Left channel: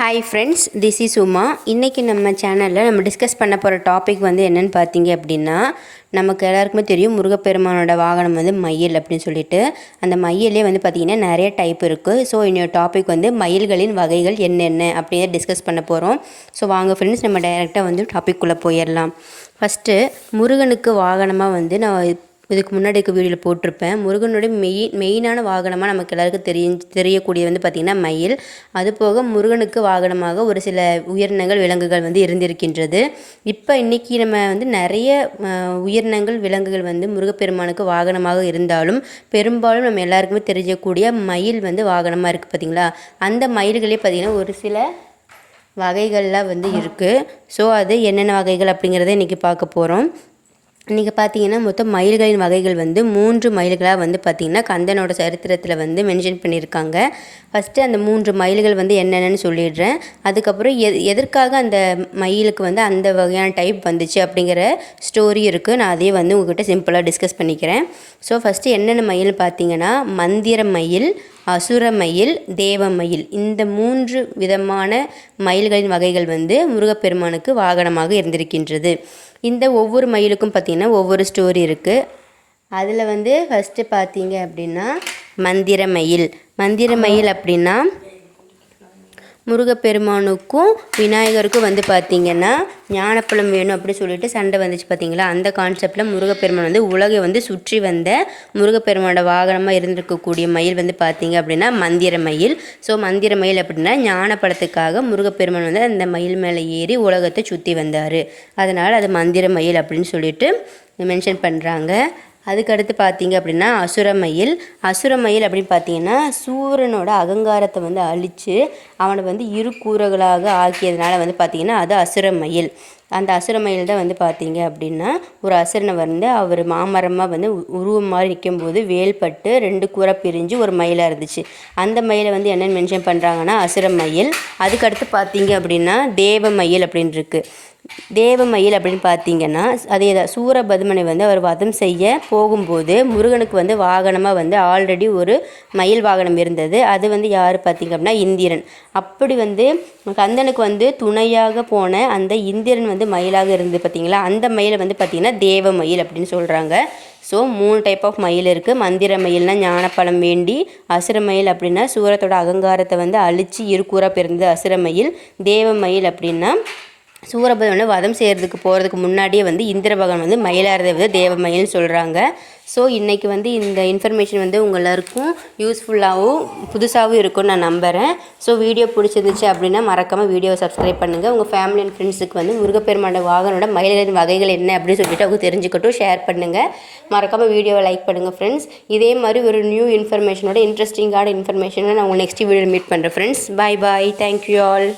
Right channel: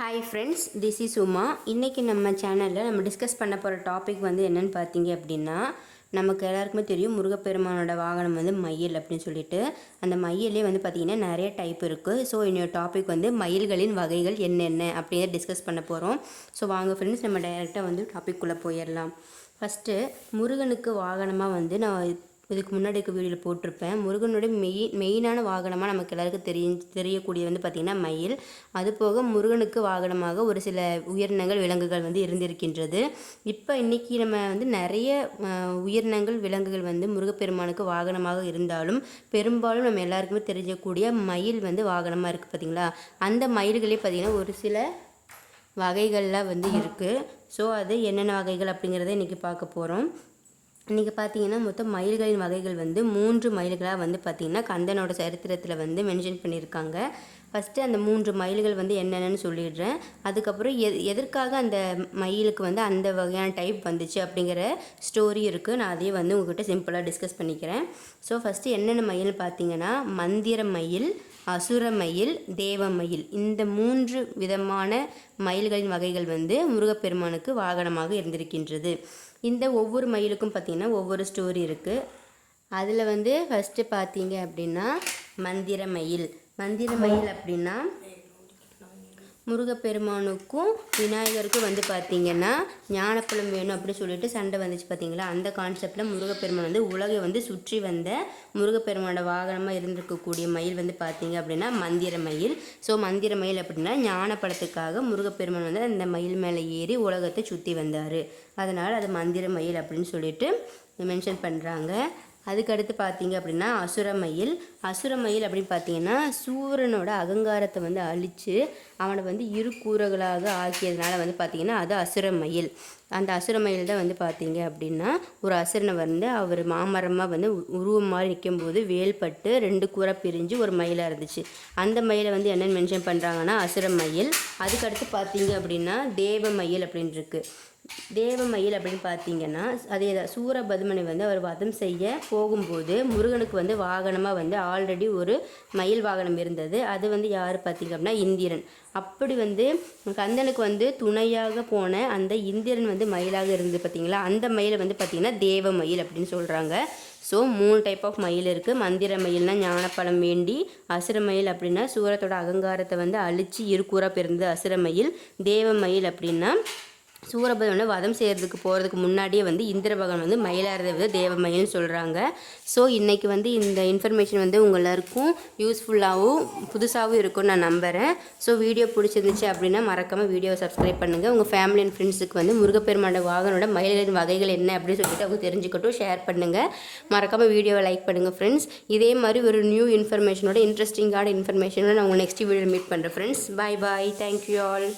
Hi friends this is Uma இன்றைக்கி நம்ம சேனலில் நம்ம டிஸ்கஸ் பண்ண போகிற டாபிக் வந்து என்னென்னு பார்த்தீங்க அப்படின்னா நமக்கு எல்லாருக்குமே தெரியும் முருகப்பெருமானோட வாகனம் வந்து மயில் அப்படின்னு சொல்லிட்டு. அந்த மயிலே வந்து பார்த்திங்கன்னா நிறைய டைப் இருக்குது ஸோ இன்னொரு டாபிக் வந்து மயில்களின் வகைகள் என்னென்ன அப்படின்னு டிஸ்கஸ் பண்ண போகிறோம் ஸோ வாங்க ஃப்ரெண்ட்ஸ் நம்ம டைரெக்டாக வந்து டாபிக்குள்ளே போயிடலாம். ஃபஸ்ட்டு முருகனுக்கு வாகனமாக வந்து நான் இதுக்கு முன்னாடி இருக்க வீடியோவில் போட்டிருப்பேன். முருகனுடைய மெயின் மெயினான வாகனமாக நமக்கு எல்லாருக்கும் தெரிய தெரியக்கூடிய வந்து பார்த்திங்கன்னா மயில். அதுபோக முருகனுக்கு வாகனமாக ஒரு சில உயிரினங்கள் விலங்குகள் வந்து இருந்திருக்கின்றது. இப்போ இன்றைக்கி நம்ம வந்து நிறைய உயிரினங்கள் விலங்குகள் வந்து முருகப்பெருமானுக்கு வாகனமாக இருந்தாலும் பெரும்பாலும் நம்ம எல்லாருக்குமே தெரியக்கூடிய மயில் வந்து வாகனமாக இருக்குது பார்த்திங்களா அந்த மயில்களே பார்த்திங்கன்னா ஒரு சில வகைகள்லாம் வந்து இருக்குது ஸோ அது என்னென்ன வகைகள் அப்படிங்கிறத இன்றைக்கி பார்க்க போகிறோம் இன்றைக்கி பார்த்தீங்கன்னா மொத்தம் மயில்களின் வகைகள் வந்து மூன்று மயில்களாக வந்து பார்த்திங்கன்னா கந்தனோட சரித்திரத்தில் வந்து மென்ஷன் பண்ணியிருக்காங்க ஃபஸ்ட்டு அந்த மூன்று மயில்கள் வந்து என்னென்னு சொல்லிடுறேன். அதுக்கப்புறம் எ எதற்காக அந்த மயிலுக்கு வந்து அந்த வகையான டைப் வந்துச்சு அப்படிங்கிற ஸ்டோரி இருக்குது நான் அதே வந்து உங்ககிட்ட சிம்பிளாக டிஸ்கஸ் பண்ணிக்கிறேன். ஸோ ஃபஸ்ட்டு என்னென்ன மயில் பார்த்தீங்கன்னா மந்திர மயில் அசுர மயில் தேவ மயில் இந்த மூன்று விதமான மயில்களின் வகைகள் வந்து முருகப்பெருமானுக்கு வாகனமாக இருந்திருக்கின்றது. இந்த ஒவ்வொரு மயிலுக்கும் பார்த்திங்கன்னா ஒவ்வொரு ஸ்டோரி இருக்குது அதில் வந்து ஃபஸ்ட்டு பார்த்தீங்க அப்படின்னா மந்திர மயில் மந்திர மயில் அப்படின்னா முருகப்பெருமானுக்கும் விநாயகருக்கும் வந்து பார்த்திங்கன்னா ஞானப்பழம் வேணும் அப்படின்னு சொல்லிட்டு சண்டை வந்துச்சு பார்த்தீங்களா? அந்த கான்செப்டில் முருகப்பெருமான் வந்து உலகை வந்து சுற்றி வந்த முருகப்பெருமானோட வாகனமாக இருந்திருக்கக்கூடிய மயில் வந்து பார்த்திங்க அப்படின்னா மந்திர மயில். ஸோ மந்திர மயில் அப்படின்னா ஞானப்பழத்துக்காக முருகப்பெருமான் வந்து அந்த மயில் மேலே ஏறி உலகத்தை சுற்றி வந்தார். அதனால் அது மந்திர மயில் அப்படின்னு சொல்லிட்டு மென்ஷன் பண்ணுறாங்க அதுக்கடுத்து பார்த்தீங்க அப்படின்னா அசுரமயில் அசுரமயில் அப்படின்னு பார்த்தீங்கன்னா சூரனோட அகங்காரத்தை வந்து அழித்து அவனை வந்து இரு கூறுகளாக ஆக்கியதுனால வந்து பார்த்தீங்கன்னா அது அசுரமயில் அந்த அசுரமயில் தான் வந்து பார்த்தீங்க அப்படின்னா ஒரு அசுரனை வந்து அவர் மாமரமாக வந்து உ- உருவம் மாதிரி நிற்கும்போது வேல்பட்டு ரெண்டு கூரை பிரிஞ்சு ஒரு மயிலாக இருந்துச்சு. அந்த மயிலை வந்து என்னென்னு மென்ஷன் பண்ணுறாங்கன்னா அசுரமயில் அதுக்கடுத்து பார்த்தீங்க அப்படின்னா தேவமயில் அப்படின்னு இருக்குது தேவமயில் அப்படின்னு பார்த்தீங்கன்னா அதே தான் சூரபதுமனை வந்து அவர் வதம் செய்ய போகும்போது முருகனுக்கு வந்து வாகனமாக வந்து ஆல்ரெடி ஒரு மயில் வாகனம் இருந்தது. அது வந்து யார் பார்த்தீங்க அப்படின்னா இந்திரன். அப்படி வந்து கந்தனுக்கு வந்து துணையாக போன அந்த இந்திரன் வந்து மயிலாக இருந்து பார்த்தீங்களா அந்த மயிலை வந்து பார்த்தீங்கன்னா தேவ மயில் அப்படின்னு சொல்கிறாங்க ஸோ மூணு டைப் ஆஃப் மயில் இருக்குது மந்திர மயில்னா ஞானப்பழம் வேண்டி அசுர மயில் அப்படின்னா சூரத்தோட அகங்காரத்தை வந்து அழித்து இருக்கூறாக பிறந்தது அசுர மயில். தேவ மயில் அப்படின்னா சூரபதனை வதம் செய்கிறதுக்கு போகிறதுக்கு முன்னாடியே வந்து இந்திர பகவான் வந்து மயிலாரதை வந்து தேவமயில்னு சொல்கிறாங்க ஸோ இன்றைக்கி வந்து இந்த இன்ஃபர்மேஷன் வந்து உங்க எல்லாருக்கும் யூஸ்ஃபுல்லாகவும் புதுசாகவும் இருக்கும்னு நான் நம்புகிறேன் ஸோ வீடியோ பிடிச்சிருந்துச்சு அப்படின்னா மறக்காமல் வீடியோவை சப்ஸ்கிரைப் பண்ணுங்கள் உங்கள் ஃபேமிலி அண்ட் ஃப்ரெண்ட்ஸுக்கு வந்து முருகப்பெருமானோட வாகனோட மயிலின் வகைகள் என்ன அப்படின்னு சொல்லிட்டு அவங்க தெரிஞ்சுக்கட்டும் ஷேர் பண்ணுங்கள் மறக்காமல் வீடியோவை லைக் பண்ணுங்கள் ஃப்ரெண்ட்ஸ் இதே மாதிரி ஒரு நியூ இன்ஃபர்மேஷனோட இன்ட்ரெஸ்டிங்கான இன்ஃபர்மேஷனோட நான் உங்கள் நெக்ஸ்ட் வீடியோ மீட் பண்ணுறேன் friends bye bye thank you all